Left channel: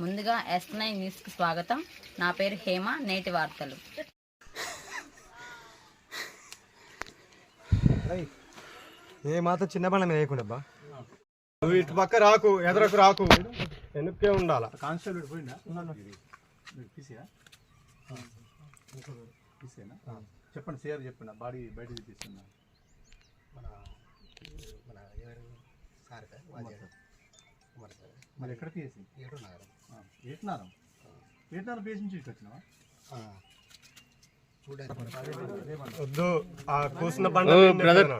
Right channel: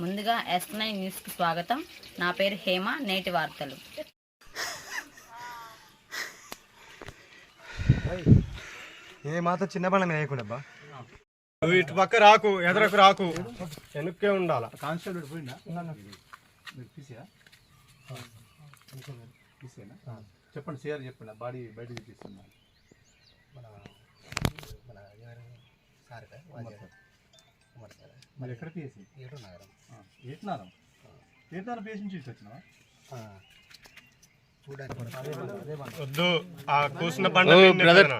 ముందుగా yes nine న్యూస్కి స్వాగతం. నా పేరు హేమ నేటి వార్తలు. ఏ మాత్రం చిన్న మీద వేయకుండా నువ్వు ఇటు పక్క రాకు ఎదరకు రాకు. వెనుక్కే ఉండాల? కానిస్టేబుల్ పోయిందా చెప్పండి సిఆర్ చెప్పండి బాడీ బయట తీస్తున్నా మరి ఎక్కడ పిఎస్సి ఏటున్నారం ఏటున్నారం పిఎస్సి నుంచి వచ్చినావా? వద్దు ఆ కూసిన బండి. బ్రదర్.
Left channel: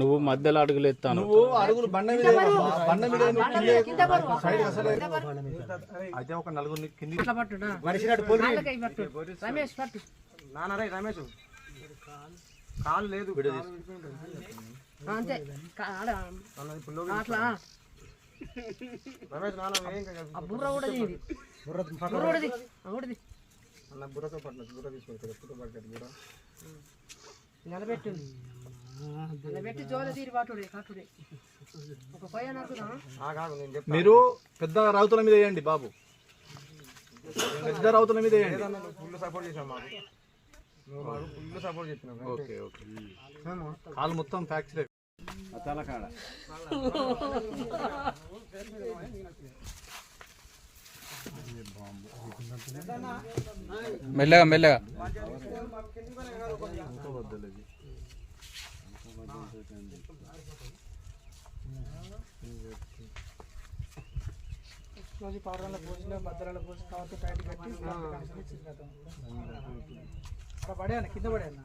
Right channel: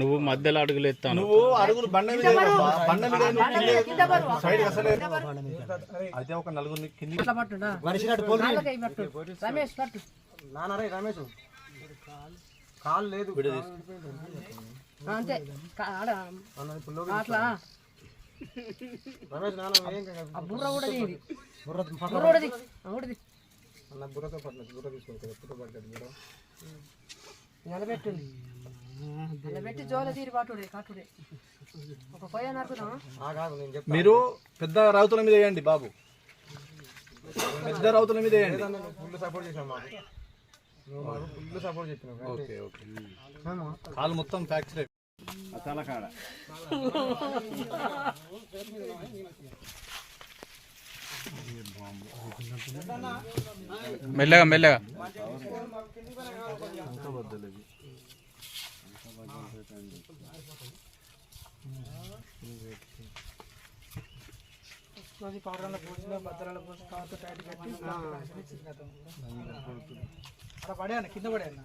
నువ్వు మధ్యలో అడుగులు ఎత్తాను. అయితే ఒక నలుగురిని కింది రమేష్ కాలు లేదు. రమేష్ నాన్న ఏం కాదు. బుర్ర పక్కన అన్న బుర్రతో పట్టిన బుర్ర తీసుకోవాలి ఎప్పుడు పడ్డాడు బుర్ర. ఆగాగు, నేను చెప్తా. మీరు పెద్ద రౌతుల మీద వేయండి బాబు. పెద్ద రౌతుల మీద వేయండి. ఫుల్ సపోర్ట్ చేసాం ఫుల్ సపోర్ట్ చెప్పినావు ఓకే ఓకే. కాలు మొత్తం ఫ్రాక్చర్. మెల్లగా మెల్లగా. పౌడర్ల పోసిన భద్రాల పోసి కవర్తో టైట్ కట్టి ఇచ్చింది కదా పడేయన్న కింద పడేయన్న